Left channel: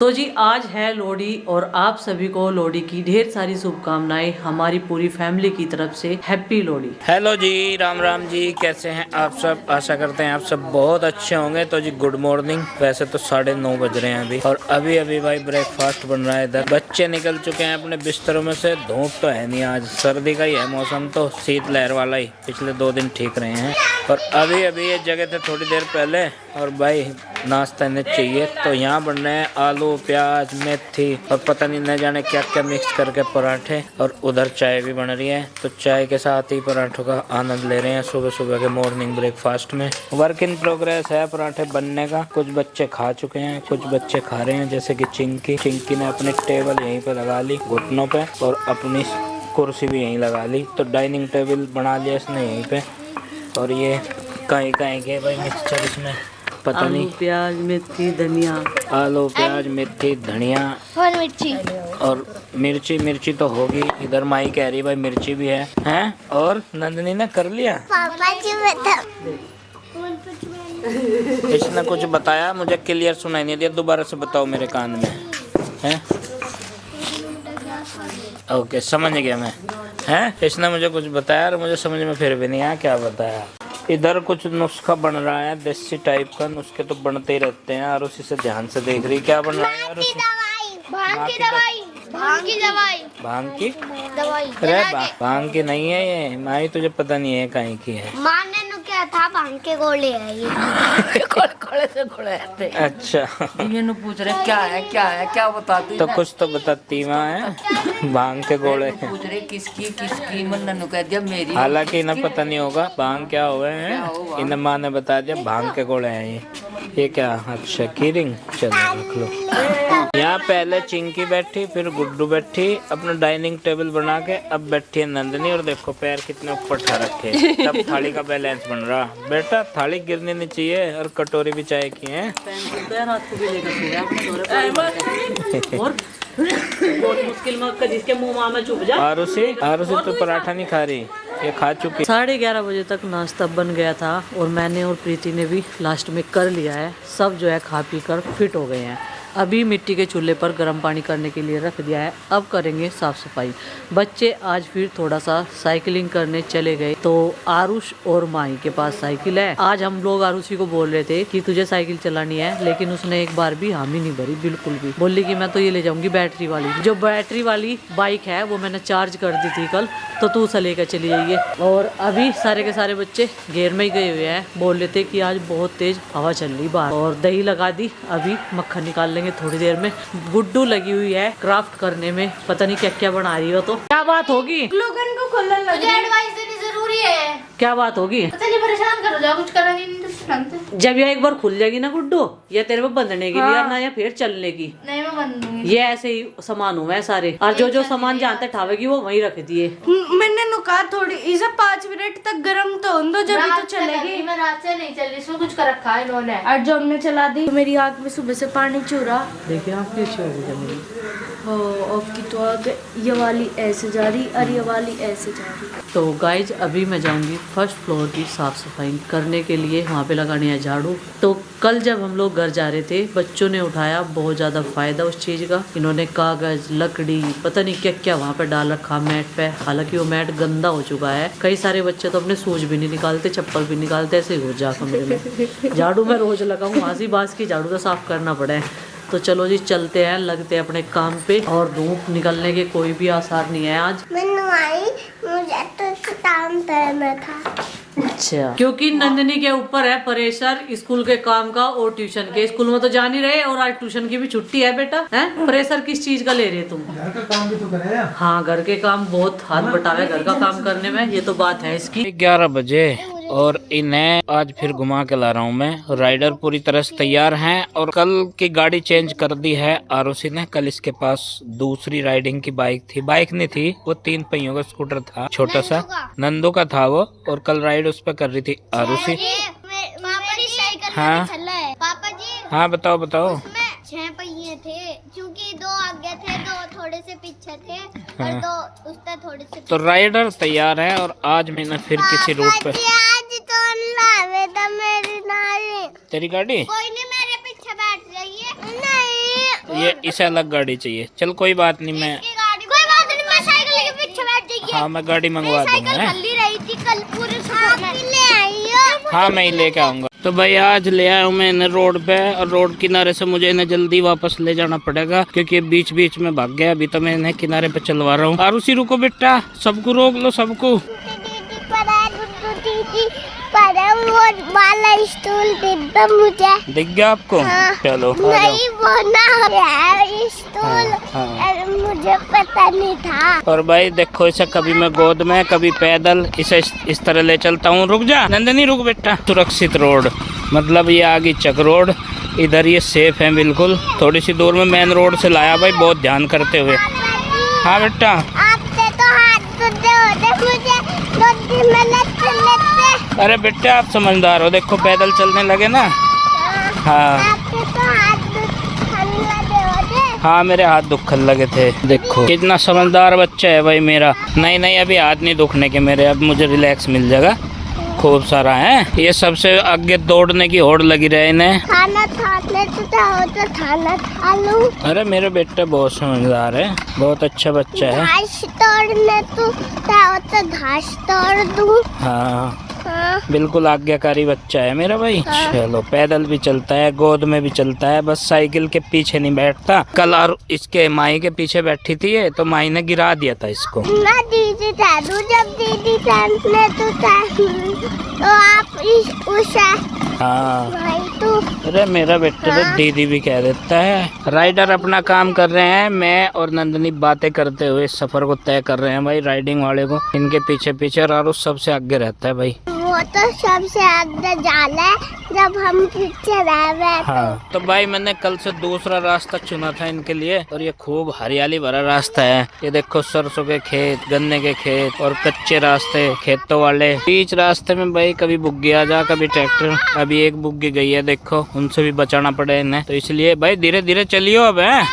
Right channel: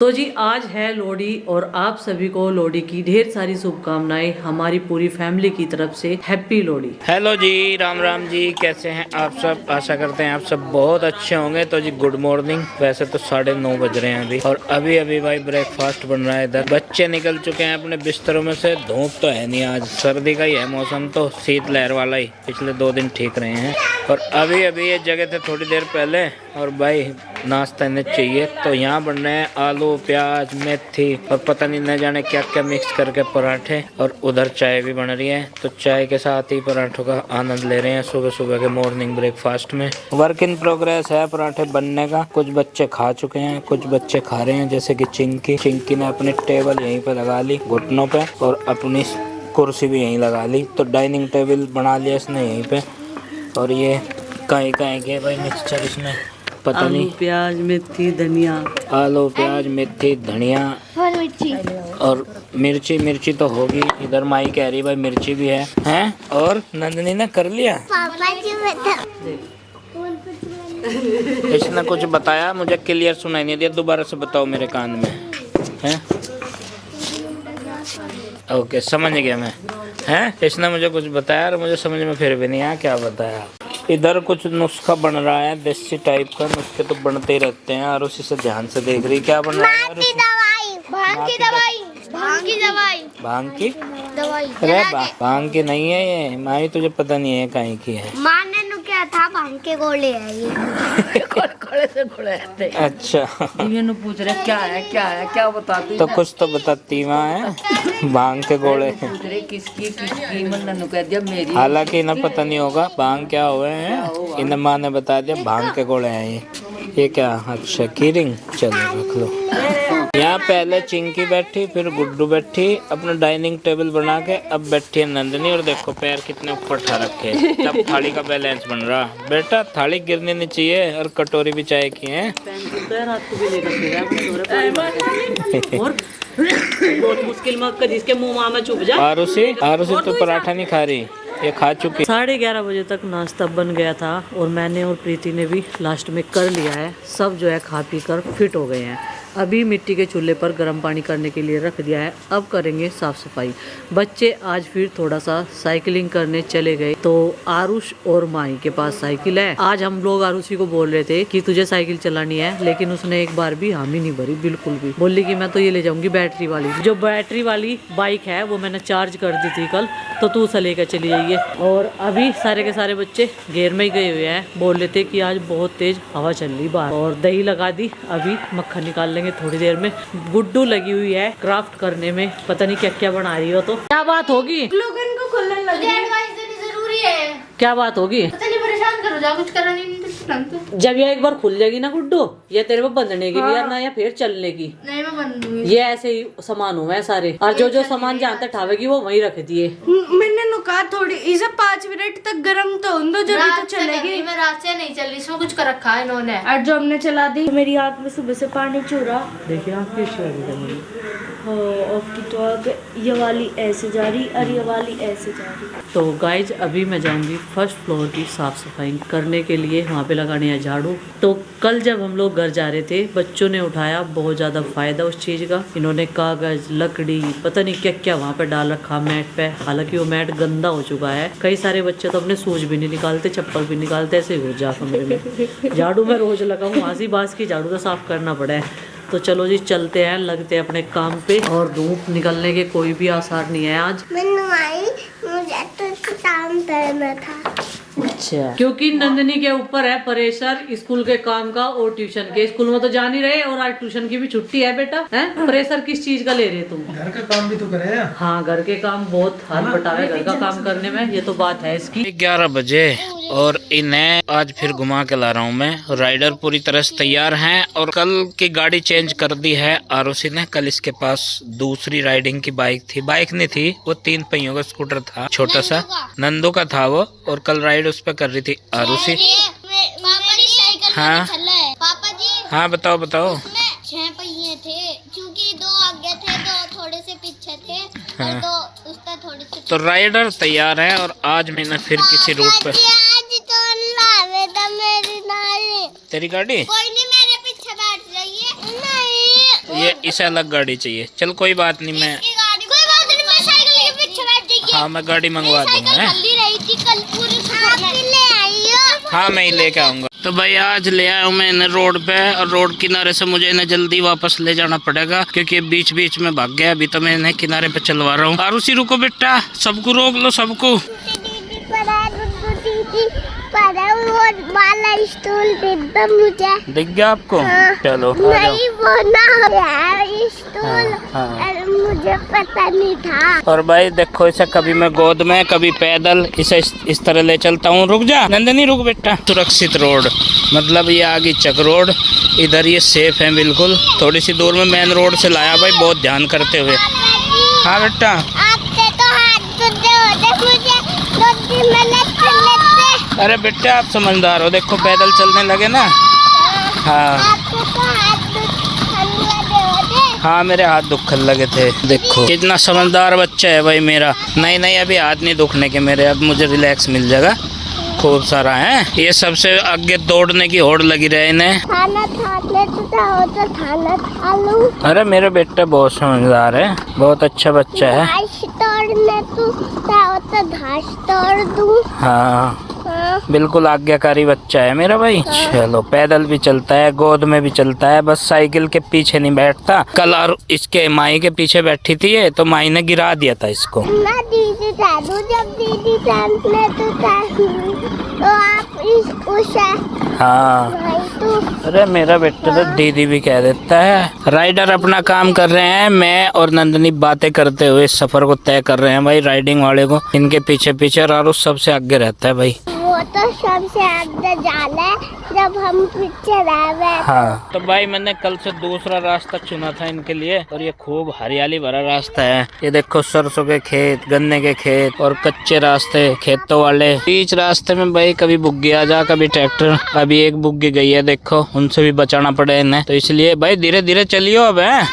तो जी आज है लोहड़ी और आप सभी को लोहड़ी की ढेर सारी शुभकामनाएं हमारी पूरी फैमिली की तरफ से। हैप्पी लोहड़ी। हेलो जी, राम राम जी, कैसे हैं आप सब। आशा करते हैं आप सब बहुत अच्छे होंगे। तो जी गुड मॉर्निंग। वैसे तो 9:30 बज रहे हैं अभी, और अभी अभी भाई ब्रेकफास्ट बन रहा है इधर। बच्चे निकल चुके हैं अपने बिस्तरों में से। धूप तो है नहीं, आज सर्दी का ही है मौसम, तो शीतलहर वाला ही। पिछले 2 दिन ठीक रहे हैं, और अभी अभी ये जगह थे थोड़ी देर पहले, और भाई नाश्ता इन्हें चाहिए। तो यहाँ बन रहे हैं आलू प्याज मेथी और पता नहीं न जाने क्या क्या मिक्स करके पराठे, और उधर चाय भी बन रही है। तो चाय के साथ ही पराठों का आनंद ले रहे हैं सुबह सुबह के मॉर्निंग ब्रेकफास्ट में। वर्क इन प्रोग्रेस है पराठे बनने का। कुछ बच्चे खा चुके हैं, कुछ बच्चे खा रहे हैं, जैसे कि चिंकी ने अपनी टेबल यहीं पे लगा ली घुटनों पे, और अपनी कुर्सी भी यहीं लगा ली। तो डाइनिंग टेबल बना लिया इसने यहीं पे। और ये कहीं के भाई मिक्सचर इसमें पता आलू नहीं, प्याज मेथी धनिया, आलू प्याज मेथी धनिया और मिर्ची तो होगी। इधर माई कह रही भाई मिर्ची भी है, हैं? और नंदनी ने कर लिया। पापा जी बता। इसने कुछ बताया, मुझे क्लियर सुनाई नहीं दिया। दोबारा से बताओ मेरे कान में, हैं? ओके, समझ गया मैं, हैं? इसने मुझे कुछ बताया और मुझे समझ में फिर भी नहीं आया क्या बताया। इधर कुछ नुस्खा बन रहा है देसी टाइप का। नुस्खे तो बनते ही रहते हैं, और उसी से ध्यान से देख रही क्या बन रहा है यार। भांग की दवाई। भांग की दवाई। अरे भांग की नहीं है ये माई, तुझे पता नहीं है कहीं की है। माने नु क्या था, भांग के गोले है ये। कोड़े से कोड़े आते। अच्छा, ये नु पूछ रहे क्या है क्या बताती। तो कुछ तो बताती माँ है। भांग के गोले पूछ रहे किसकी मन कह दिया मेरी। हालांकि इन्हें पता नहीं होगा भांग क्या हुए हैं। इन्हें माँ ने बता दिया भांग के गोले हैं ये क्या। अच्छा की रिंग, चलो रख लो। यहाँ पहले चिंकी बैठी, फिर गुड्डू बैठी अपना डाइनिंग टेबल बना के। अब बैठी है नंदनी, और देखो पैर कितने ऊपर ठा रखे। तब थाली का बैलेंस बन रहा। बेटा थाली गिरनी नहीं चाहिए, और कटोरी भी चाय की है। रात को भी लेकर और बहुत मुश्किल में जिसके मुंह में चुप जा। आरुषि तो पराठा नहीं खा रही, ये खा चुकी। 11:30 बजे तक नाश्ता बन गया था, और मैंने और प्रीति ने भी लास्ट में कर लिया है। सब जो है खा पी कर फिट हो गए हैं। अभी मिट्टी के चूल्हे पर गर्म पानी करने के लिए रख दिया है। अब करेंगे साफ सफाई। बच्चे आज फिर थोड़ा सा साइकिलिंग करने चले गए। तो आरुष और माही के पास साइकिल है। आज हम लोग आरुषि को बोल रहे थे कि तुझे साइकिल चलानी है, लेकिन उसने एक बार भी हामी नहीं भरी, बिल्कुल भी। बोली कि मैं तो ये ले जाऊंगी बैटरी वाली। जो बैटरी वाली बाइक है वो मैंने चार्ज कर दी थी कल, तो तू उसे लेकर चली जाइए। और अभी सारे के सारे बच्चे घेर में ही गए हुए हैं। बोल रहे थे कि आज बहुत तेज हवा चल रही बाहर, और दही लगा दी। अभी मक्खन निकाल लेंगे थोड़ी देर में। गुड्डू लगी हुई है क्राफ्ट करने में, पता नहीं क्या क्या बना रही हो। तो क्या बात होगी? ग्लूगन को खोलने लगी। एडवाइस देनी जरूरी है। क्या बात होगी? पता नहीं, परेशान करो जा, कुछ करा नहीं तो। जब ये एक बार खुल जाएगी ना गुड्डू, ये तेरे को बंधने की भी यार ना, या फिर चलने की। नहीं मैं बंद दूंगी। ये ऐसे ही सामान हुए हैं सारे, और जो सामान जहाँ तक ठावेगी वो वहीं रख दिए। मैंने नुका थोड़ी इसे 5 मिनट तक गर्म तो हो दो, जब तो चलेगी। मैं रात से नहीं चल रही, इसमें कुछ कर रखा है इन्होंने। और जो हमने चला दी, मेरी आंख में सुबह से पानी चूरा। देखिए आँख भी अच्छी हो रही है मेरी। तो ये वाली ऐसे जा रही और ये वाली ऐसे जा रही। तो गाइज अभी मैं जाऊंगी फर्स्ट फ्लोर की साफ सफाई करने के लिए, वहाँ पे लगाने है झाड़ू। तो कल जब हम लोग घर जा रहे थे, बच्चों ने उठाया बहुत ज़्यादा फायदा उस चीज़ का। इन्होंने कागज लकड़ी पता नहीं क्या क्या वहाँ पे डाल रखा मैट पे। हालांकि वो मैट गंदा हो चुका है। कई सारे बच्चे तो अपने शूज भी नहीं निकालते, चप्पल भी निकालते, ऐसे ही घुस जा कमरे में। झाड़ू में रोज लगाऊँ, आसी बास की झाड़ू तो साफ करना पड़े। तो चलो जी चलते हैं, लगते हैं अपने काम पे। और धूप निकलने के कोई भी आसार नहीं है आज। मुझे तो काम करना था। अच्छा, क्योंकि नंदनी के ऊपर है प्रेशर स्कूल के काम का और ट्यूशन के। स्कूल में तो जा नहीं रहे, और आज ट्यूशन की भी छुट्टी है बेटा। हैं? प्रेशर किस चीज का ले रहे तुम? घर का काम भी तो करे। हाँ, घर के काम बहुत हाथ बटावे घर का काम करने में, ये तो बात है इसकी। 11 बजे, और इन्हें आज फिर घुमा के ला रहा हूँ मैं। राइडर पूरी तरह से तैयार हैं, और कल की गाड़ी चेंज कर दी है आरुषि ने। कल इसके पास दूसरी राइडिंग की बाइक थी, बाइक नहीं थी वो 3 पहियों का स्कूटर था, छोटा सा नंदू का था वो। और कल राइड उस पर कर रही थी आरुषि। हाँ पापा जी, हाँ बताओ 6 पहिए थे, क्योंकि 2 आगे थे, 2 थोड़े से पीछे थे, हाँ। और 2 उससे थोड़े से। तो राइडर तैयार है, और आज मैंने फिर किसी रूट पे। आज तो लावे था मेरी नाली। तेरी गाड़ी कोई नहीं, मेरे पीछे बैठ जाइए। नहीं ये इसे अलग गाड़ी चाहिए। चल कोई बात नहीं, मैं हाँ मैं गाड़ी मंगवा दूंगा। हाँ मैं ही लेके आऊंगा। तो भाई आज ले आया हूँ मैं इन्हें रोड पे, और रोड किनारे से मुझे इन्हें जल्दी वापस ले जाना पड़ेगा क्योंकि बीच बीच में भाग गया। अभी तो मैं इन्हें किनारे पे चलवा रहा हूँ। और उसी रुको बेटा, सबको रोक लो सबको। मुझे दिख गया आपको? हाँ। चलो नहीं वो ना स्टूल, हाँ। मुझे पता नहीं था। और भाई देखो इसे कभी मैं गोद में कभी पैदल इसे इस तरह ले चलता हूँ। रुक जा नंदनी, रुक बेटा। सुरक्षित रोड मतलब ये आगे चक रोड, इधर ये सेफ है बिल्कुल। थोड़ी सी दूर में मेन रोड से लाया भाई, बहुत ध्यान करते हुए। हाँ बेटा, आपसे तो हाथ धुलते होते मुझे 2-3 मिनट लेते। अरे बेटा आप समझदार हो, देखो पैदल चलने लगे ना। हाँ आपसे तो हाथ दुखने होते। हाँ मेरे हाथ दुखने लगे थे। देखो कितना समझदार बच्चा है भाई मेरा। नहीं नहीं अभी हाथ नहीं दुखने के मेरे, अब मुझे रिलैक्स मिल जाएगा खूब सारा है। ये सबसे आगे दौड़ने की होड़ लगी रहे इन्हें। खाना खा ले तो खाना खा लूं। अरे मेरे बेटा बहुत समझदार है, बहुत अच्छा बच्चा है। घास तोड़ने तो घास तोड़ दूं। हाँ हाँ। बिल्कुल आज्ञाकारी बच्चा है मेरा भाई। चलो पैदल भी चलता है, गोद में भी चलता है, बस साइकिल के पीछे नहीं बैठता। कल और इसके माई के पीछे बैठी थी ये, तो माई ने गिरा दिया था इसको। ना दीदी चालू, जब दीदी चालने तो आप उस हाँ भाई तो। अरे मेरा बेटा तो दीदी भी कह देता है। राइडर अपना काम कर रहे हैं, मैं और नंदनी बातें करते हुए इस सफर को तय कर रहे हैं भाई। राइडिंग वाले को इनके पीछे पीछे, और आरुष सबसे आगे रहता है भाई। वो तो सबसे आगे जाला है जब हम पीछे रह गए। हाँ तो भाई मैंने कल से दूसरा रास्ता चुना था इनके लिए, और ये खूब हरियाली भरा रास्ता है। ये देखो सरसों के खेत, गन्ने के खेत और कच्चे रास्ते खेतों वाले। बीच रास्ते में भाई कभी बुग्गी आ जा, कभी ट्रैक्टर। अभी एक बुग्गी गई है देखो, उनसे भी बचाना पड़े इन्हें, तो इसलिए भाई धीरे धीरे चलियो अब है।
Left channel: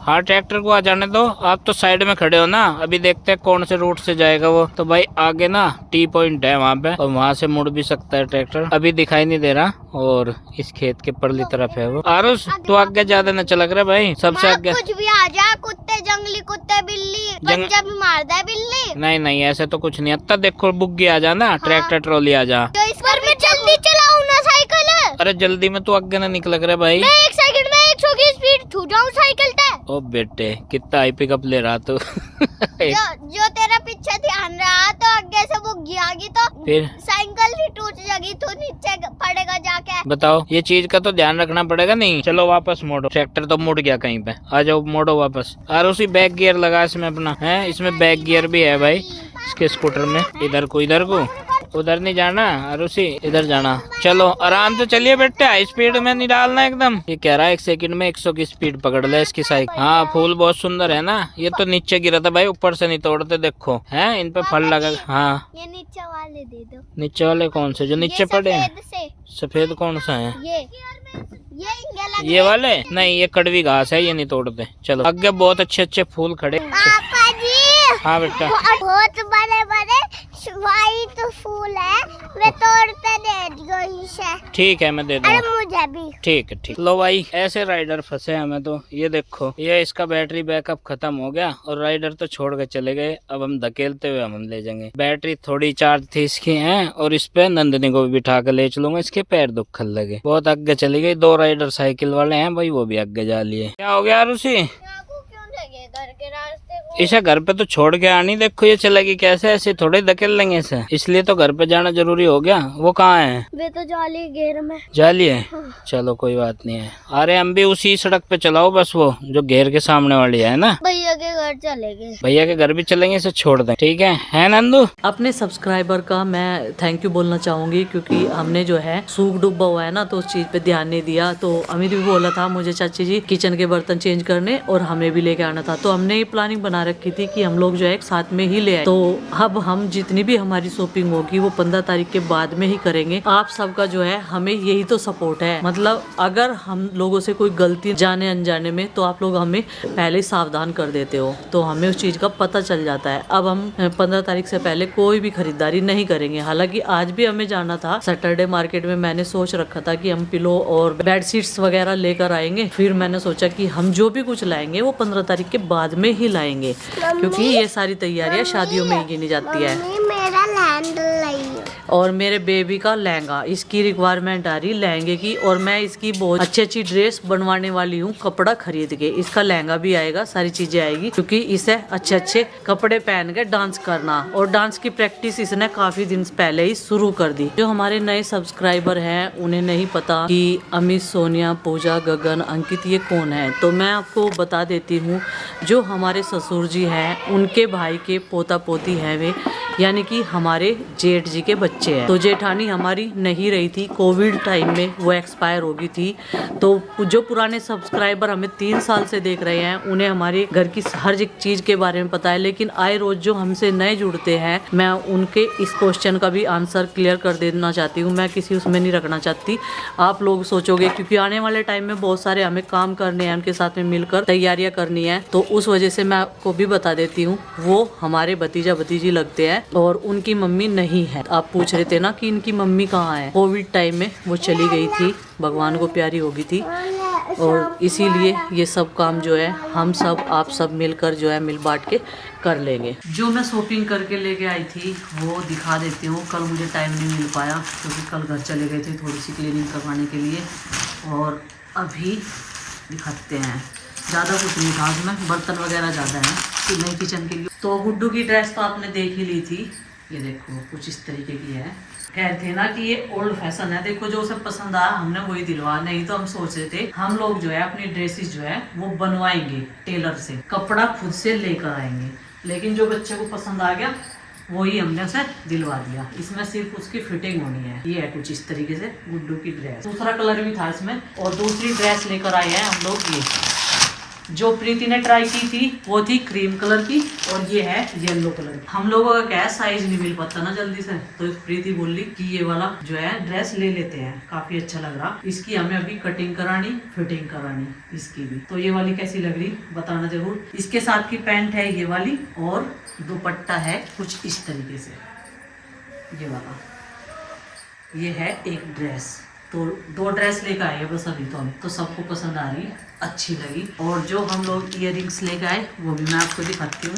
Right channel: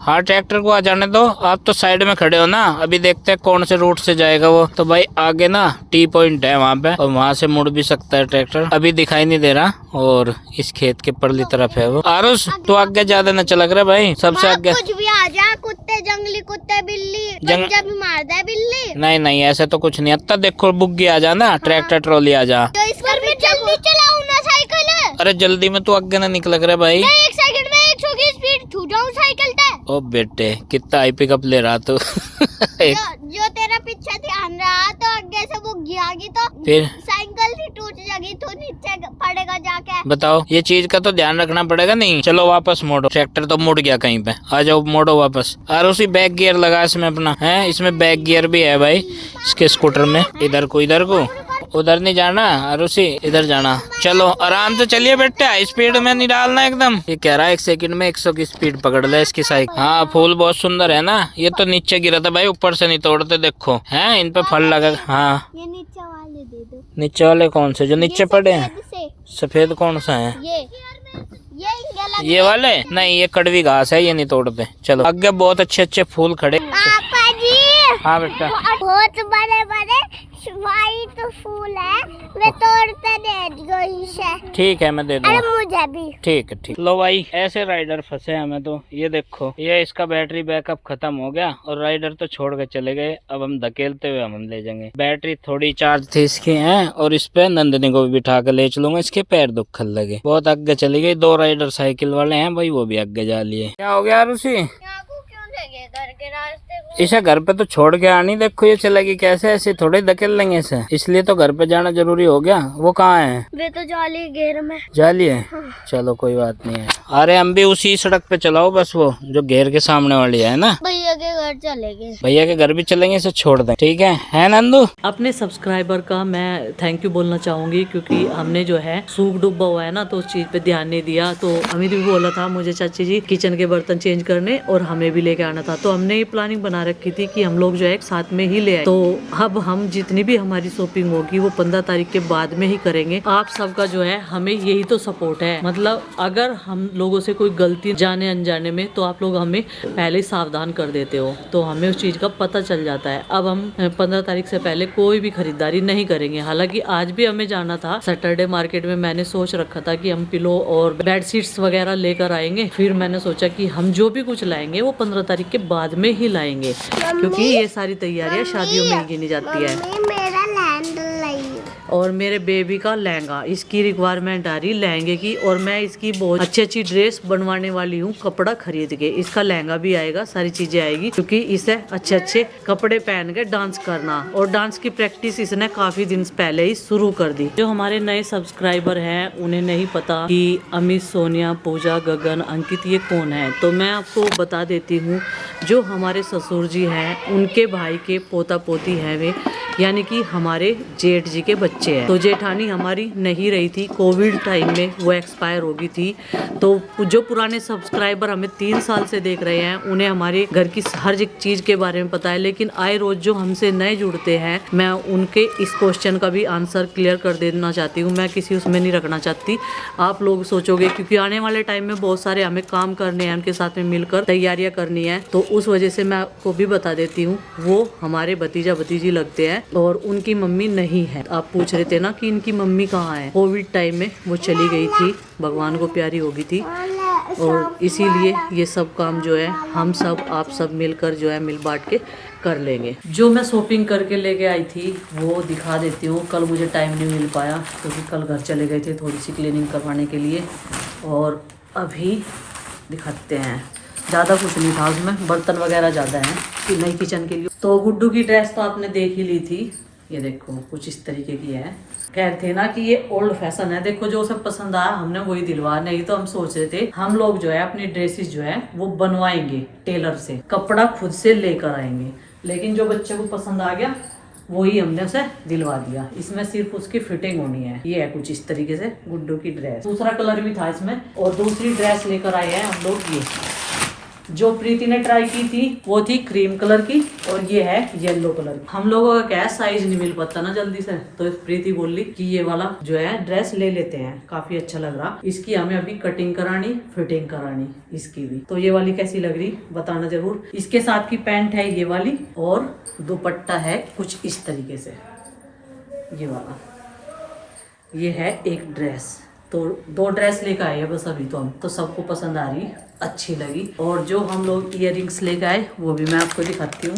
हाँ ट्रैक्टर को आ जाने दो, आप तो साइड में खड़े हो ना। अभी देखते हैं कौन से रूट से जाएगा वो। तो भाई आगे ना टी पॉइंट है वहाँ पे, और वहाँ से मुड़ भी सकता है ट्रैक्टर। अभी दिखाई नहीं दे रहा, और इस खेत के परली तरफ है वो। आरुष तू आगे ज्यादा न चलक रहा भाई, सबसे आगे। कुछ भी आ जा, कुत्ते जंगली कुत्ते बिल्ली बच्चा भी मार दे बिल्ली। नहीं नहीं ऐसा तो कुछ नहीं। अब देखो बुग्गी आ जा ना, ट्रैक्टर ट्रॉली आ जा। तो इसका भी जल्दी चलाऊं ना साइकिल। अरे जल्दी में तू आगे ना निकल रहा भाई। मैं एक सेकंड में 100 की स्पीड छू जाऊं साइकिल पे। ओ बेटे कितना आई पिकअप ले रहा तू। जो तेरा पीछे ध्यान रहा, तो आगे से वो गिरागी तो फिर साइकिल ही टूट जाएगी, तो नीचे पड़ेगा जाके। बताओ ये चीज का तो ध्यान रखना पड़ेगा। नहीं चलो वापस मोड़ो, ट्रैक्टर तो मुड़ गया कहीं पे। आ जाओ मोड़ो वापस। और उसी बैक गियर लगा इसमें अपना है, इसमें बैक गियर भी है भाई इसके स्कूटर में। इधर को उधर नहीं जाना, और उसी इधर जाना। चलो आराम से चलिए बेटा, स्पीड में नहीं डालना एकदम। ये कह रहा है 1 सेकंड में 100 की स्पीड पकड़ ले इसकी साइकिल। हाँ फूल बहुत सुंदर है ना। ये तो नीचे गिरा था भाई, ऊपर से नहीं तोड़ते। देखो है इन पे फल लगा। हाँ ये नीचे वाले दे दो। नीचे वाले कौन से जो नीचे पड़े हैं? सफेद कौन सा है? ये वाले नहीं, ये कड़वी घास है, ये नहीं तोड़ते। चलो आगे बहुत अच्छे अच्छे फूल खड़े। पापा जी हाँ बेटा बहुत बड़े बड़े व्हाइट फूल है, वे तोड़ते दे दो इसे। ठीक है मैं दे दूंगा। अरे मुझे भी। ठीक है ठीक। लो भाई ऐसे राइडर फंसे हमें तो। ये देखो ये इसका बैटरी बैकअप खत्म हो गया, और राइडर तो छोड़ के चले गए। अब हम धकेलते हुए हम ले जाएंगे। बैटरी थोड़ी चार्ज थी इसकी है, और इस पे नंदनी को भी बिठा के ले चलूंगा, इसके पैर दुखन लगे। बहुत आगे चली गई। 2 राइडर साइकिल वाले हैं भाई, वो भी आगे जा लिए। क्या हो गया रूसी? घर के रास्ते को इसे घर पे तो छोड़ के आनी। देखो ये चलेगी कैसे, ऐसे थोड़े धकेल लेंगे इसे, इसलिए तो घर पे जाना जरूरी हो गया। वो कहाँ है? वे तो जाली घेर में। जाली है? चलो कोई बात नहीं है। अरे हम भी उसी सड़क पे चलाओ बस, वो जो घेर के सामने वाली है ना। भैया के घर चलेंगे। भैया के घर भी चलेंगे, इसे छोड़ दें। ठीक है नंदू? अपने सब्सक्राइबर का मैं थैंक यू बोलना चाहूंगी, क्योंकि हमने जो है सूख डूबा हुआ है ना, तो उस चीज पे ध्यान नहीं दिया। तो अमित भी बोला था मुझे चाची जी किचन के बर्तन चेंज करने, और हमें भी लेके आना था। तो हमने ये प्लानिंग बना बना रखी थी कि हम लोग जो है एक साथ में ही ले आए। तो अब हम जितनी भी हमारी शॉपिंग होगी वो 15 तारीख के बाद में ही करेंगे। आप सबका जो है हमें यही तो सपोर्ट है, मतलब अगर हम लोगों से कोई गलती जाने अनजाने में तो आप लोग हमें पहले ही सावधान कर देते हो, तो हमें उस चीज का पता चल जाता है। अब हम 15 तारीख से पहले कोई भी खरीदारी नहीं करेंगे। हालांकि आज भी हमें जाना था सैटरडे मार्केट में। मैंने सोच रखा था कि हम पिलो और बेडशीट्स वगैरह लेकर आएंगे, फिर मैंने सोचा कि हम जो भी कुछ लाएंगे वो 15 तारीख के बाद में ही लाएंगे, क्योंकि ये सारी तैयारियां शादियों में ही गिनी जाती है। मेरा लैंड लाइयो और मेरे बेबी का लहंगा, इसकी रिक्वायरमेंट आ रही लहंगे की, और मैं इसकी बहुत अच्छी अच्छी ड्रेस बनवाने वाली हूँ कपड़ा खरीद के। इसका लहंगा भी आएगा, सारी चीजें आएगी, क्योंकि इसे अच्छे अच्छे कपड़े पहन के डांस करना, और डांस की प्रैक्टिस इसने काफी दिन पहले ही शुरू कर दी। जो हमारे नए सब्सक्राइबर हैं उन्हें नहीं पता कि अमित, सोनिया, पूजा, गगन, अंकित ये कौन है, तो मैं आपको बता देती हूँ। जो हमारे ससुर जी हैं उनके भाई के पोता पोती हैं वे, यानी कि हमारे जेठ जी के बच्चे हैं। तो जेठानी हमारी नहीं रही थी, कोविड टाइम में वो एक्सपायर हो गई थी। तो जो पुराने सब्सक्राइबर हमें 3 साल से देख रहे हैं उन्हें हमारे घर की हर एक चीज के बारे में पता है, लेकिन आए रोज जो हमसे नए जुड़ते हैं मैं उनके इस क्वेश्चन का भी आंसर क्लियर कर देना चाहती हूँ। मैं किसी उसमें नहीं रखना चाहती। आप लोग सोचोगे क्योंकि आने वाले टाइम में बहुत सारे हमें काम करने हैं, उनके साथ में मिलकर तैयारियां करनी है, तो उस वजह से मैं आपको भी बता देती हूँ। वो हमारे भतीजा भतीजी लगते हैं और उनकी मम्मी नहीं है। आप पूछ रहे थे ना कि इनकी मम्मी कहाँ है, कोविड टाइम में वो चली गई थी, भगवान को प्यारी हो गई थी, और इसीलिए ये सब काम जो है हम सब आप सब मिलकर जो है मिल बांट के कर लेंगे। जो मैं शॉपिंग करके लेके आई थी वो दिखा देती हूँ। कल मुझे टाइम नहीं मिल पाया क्योंकि कल घर चले गए थे थोड़ी सी क्लीनिंग करवाने के लिए, और अभी दिखाते हैं। ज़्यादा कुछ नहीं था उसमें, बर्तन वगैरह ज़्यादा हैं कि नई किचन के लिए। तो गुड्डू की ड्रेस तो आपने देख ही ली थी, ये देखो कुछ इस तरीके की है। कह थे ना कि ये ओल्ड फैशन है, देखो जो सब पसंद आया हमने वही दिलवा। नहीं तो हम सोच रहे थे हम लोग जो है अपनी ड्रेसेस जो है वो बनवाएंगे टेलर से, कपड़ा खुद से लेकर आएंगे, लेकिन जो बच्चे को पसंद आ गया वही हमने उसे दिलवा दिया। इसमें सिर्फ उसकी फिटिंग होनी है। ये है कुछ इस तरीके से गुड्डू की ड्रेस। दूसरा कलर भी था इसमें, और दूसरी ड्रेस लेकर आए हैं हम लोग। ये जो प्रीति ने ट्राई की थी वो थी क्रीम कलर की, और ये है येलो कलर की। हम लोगों का क्या है साइज नहीं मिल पाता ना जल्दी से, तो प्रीति बोली कि ये वाला जो है ड्रेस ले लेते हैं, काफी अच्छा लग रहा। इसकी हमें अभी कटिंग करानी, फिटिंग करानी इसकी भी। तो ये वाली कैसी लग रही बताना जरूर। इसके साथ की पैंट है ये वाली, और दुपट्टा है कुछ इस तरीके से ये वाला। ये है एक ड्रेस। तो 2 ड्रेस लेकर आए हैं बस अभी तो हम, तो सबको पसंद आ रही, अच्छी लगी। और जो हम लोग इयररिंग्स लेकर आए वो भी मैं आपको दिखाती हूँ।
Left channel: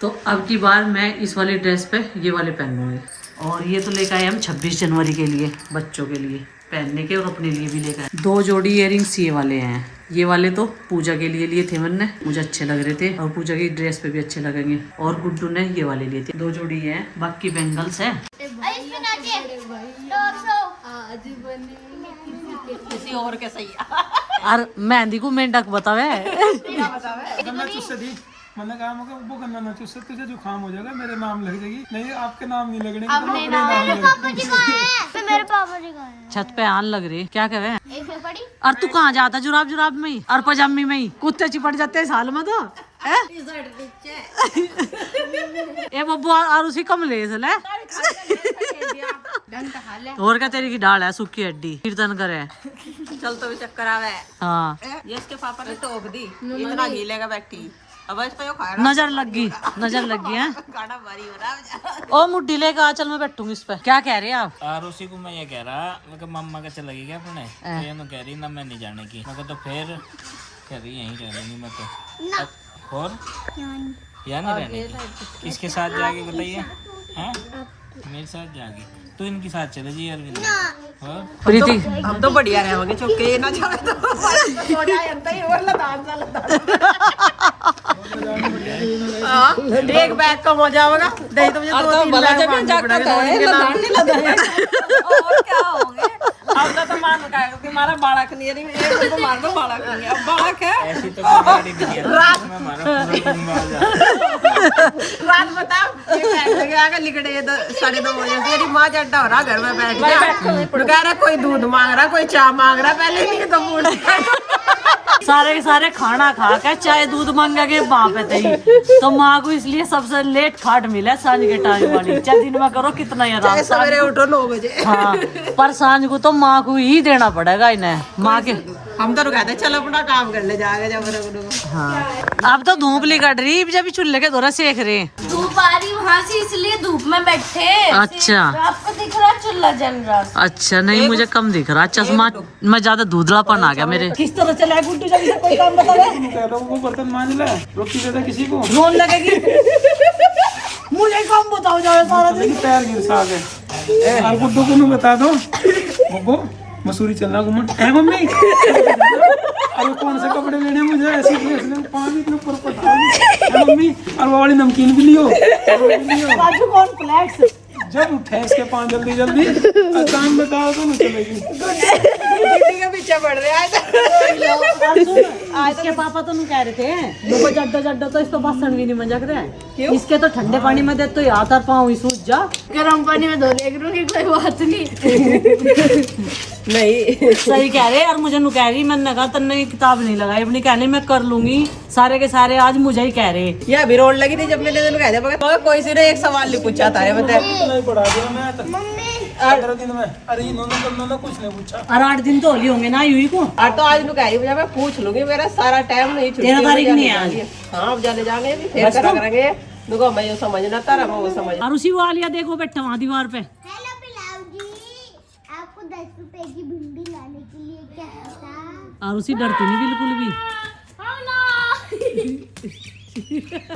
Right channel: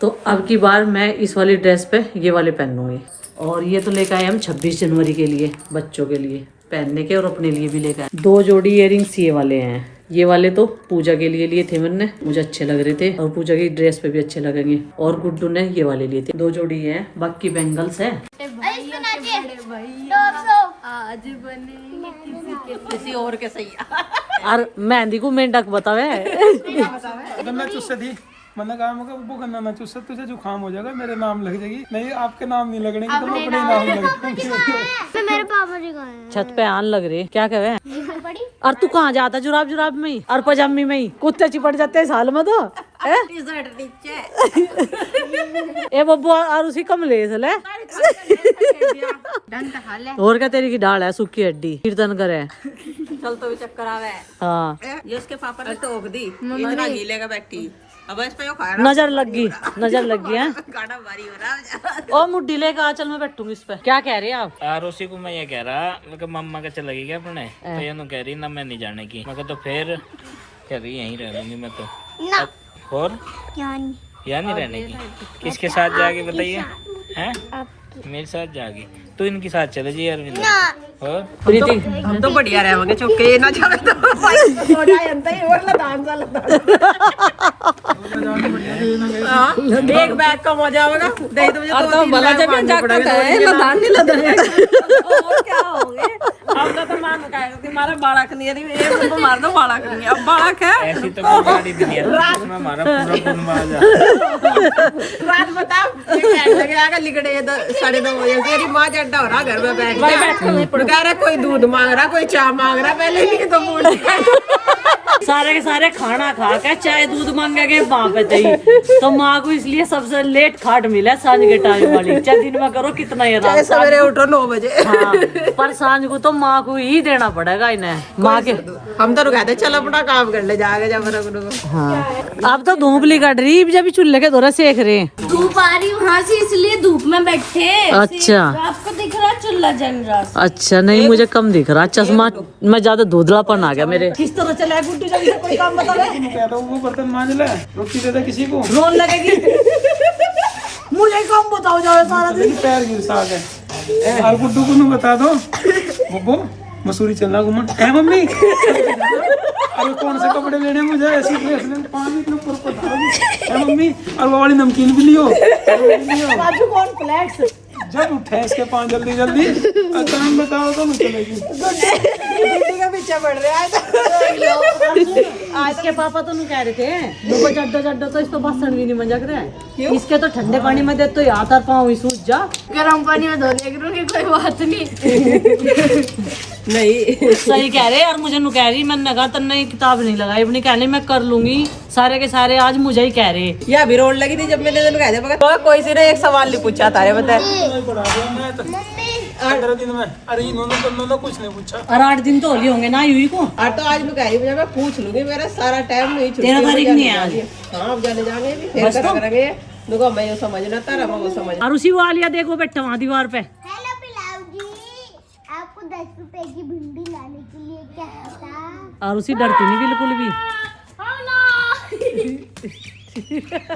तो अब की बार मैं इस वाली ड्रेस पे ये वाले पहनूंगी। और ये तो लेकर आए हम 26 जनवरी के लिए, बच्चों के लिए पहनने के, और अपने लिए भी लेकर आए 2 जोड़ी इयररिंग्स ये वाले हैं। ये वाले तो पूजा के लिए थे मैंने, मुझे अच्छे लग रहे थे और पूजा की ड्रेस पे भी अच्छे लगेंगे। और गुड्डू ने ये वाले लिए थे, 2 जोड़ी है, बाकी बैंगल्स है। किसी और के सही और मेहंदी को मेंढक बतावे गन्ना चुस्से थी, मैंने कहा वो गन्ना ना चुस्से, तुझे जुकाम हो जाएगा, मेरे नाम लग जाएगी। नहीं आपके नाम नहीं लगने की, तो मैं अपने नाम लग। मेरे पापा जी का छत पे आन लग रही क्या कहे। और तू कहाँ जाता जुराब जुराब में ही और पजामी में ही, कुत्ते चिपट जाते हैं साल में तो ए बब्बू और उसी कमलेश ले और क्या तेरी की डाल है सूखी हड्डी, कीर्तन करे चल तो भी चक्कर आवे। हाँ जिसके पापा ने टोक दी इतना गीलेगा बैठी, अब इस पे खाया नजर लग गई है गाना भारी हो रहा। ओ मुड्डी लेगा चल मैं बैठूंगी इस पे। क्या कह रहे हैं आप? आरोसी को मैं ये कह रहा मम्मा का चलेगी क्या अपने, तो ये कह रही ना मैं नहीं जाने की। मैं तो फिर कह रही यहीं रह लूंगी मैं तो। और या नहीं रहने की, किसके साथ जाके बताइए हैं? मेरे साथ जाके, तो इनके साथ चले जी अरविंद। और प्रीति हम तो बढ़िया रहेंगे चौके ना जावे तो छोटा अंत ही और लदान सा एक बैग का मजा आएगा। नहीं तो मुझे 2-3 बैग मारने पड़ेंगे, 2 दिन लदान नहीं लदाएंगे और क्या होंगे। हमका तो मान कहेगा कि हमारा बालक नहीं है, ये उनको मार दो बालक नहीं, अब बालक है ऐसी तो कोई गाड़ी भी नहीं है, इसमें हमारा पूरा कुनबा आ रात बता ये टाइम लगे आगे लिगड़े 2:30 बजे से मेरी माँ चड्डा हो रहा घर में बैठ के, कह रहा कोई दूध मांग रहा, कोई चाय मांग रहा, पहले नहीं तो बोल सारे के सारे खाना खा के चाय दूध मांगेंगे वहाँ पे ही, तो माँ को इसलिए सबसे लेट खाट मिला सांझ के टाइम वाली। चाहे दिन में करो कितना ही आराम, सवेरे उठो 9 बजे। हाँ, पर सांझ को तो माँ को ही देना पड़ेगा इन्हें। माँ के हम तो कहते चल अपना काम कर ले जाएगा जब रख। हाँ, अब तो धूप ली कट रही, जब चूल्हे के दौरा सेक रहे हैं। धूप आ रही वहाँ से, इसलिए धूप में बैठे हैं। अच्छा आपको दिख रहा चूल्हा जल रहा। अच्छा, नहीं मुझे कम दिख रहा चश्मा में, ज्यादा धुंधलापन आ गया मेरे। किस तरह चला है गुड्डू, जल्दी से कोई काम बता दे। कहता हूँ वो बर्तन मांज ले, रोटी दे दे किसी को, रोन लगेगी। मुझे काम बताओ जाओ सारा दिन। देखी पैर गिर सा गए। और गुड्डू को बता दो, बुब्बो मसूरी चलना घूमन है मम्मी। अरे कौन से कपड़े लेने हैं मुझे, ऐसी ड्रेस ले, पानी के ऊपर पटाओ है मम्मी। और वो वाली नमकीन भी लियो। बाजू कौन फ्लैक्स जब उठे इसके पाँव जल्दी जल्दी, टाइम बताओ तो नहीं चलेगी। गुड्डी का पीछे पड़ रहा है। आज के पापा तो नहीं कह रहे थे देखो जड्डो जड्डो तो इसको बासन भी नहीं मंजक रहे हैं। इसके तो ठंडे पानी में दे तो हाथ और पाँव ही सूझ जा, गर्म पानी में धोने की कोई बात नहीं। नहीं सही कह रहे यार, मुझे नु कह रही, मैंने कहा तन्ने किताब नहीं लगाई अपनी, कहने मैं कर लूंगी सारे के सारे, आज मुझे ही कह रहे। ये अभी रोड लगी थी जब मैंने दिन कहते मगर कोई सी ने एक सवाल नहीं पूछा था ये बता। नहीं पढ़ा दिया मैं तो 15 दिन में। अरे इन्होंने कुछ नहीं पूछा। और 8 दिन तो होली होंगे ना यूही को। और तो आज नु कह रही मुझे, मैं पूछ लूंगी, मेरा सारा टाइम नहीं छुट्टी। 13 तारीख नहीं है आज। हाँ अब जाने जाएंगे भी फिर करा करेंगे। देखो मैं ये समझना तारा मैं वो समझ। और उसी वो आलिया देखो बैठा वहाँ दीवार पे। हेलो पिलाऊ जी, आपको 10 रुपए की भिंडी लाने के लिए क्या था? और उसी डरती नहीं बिल्कुल भी।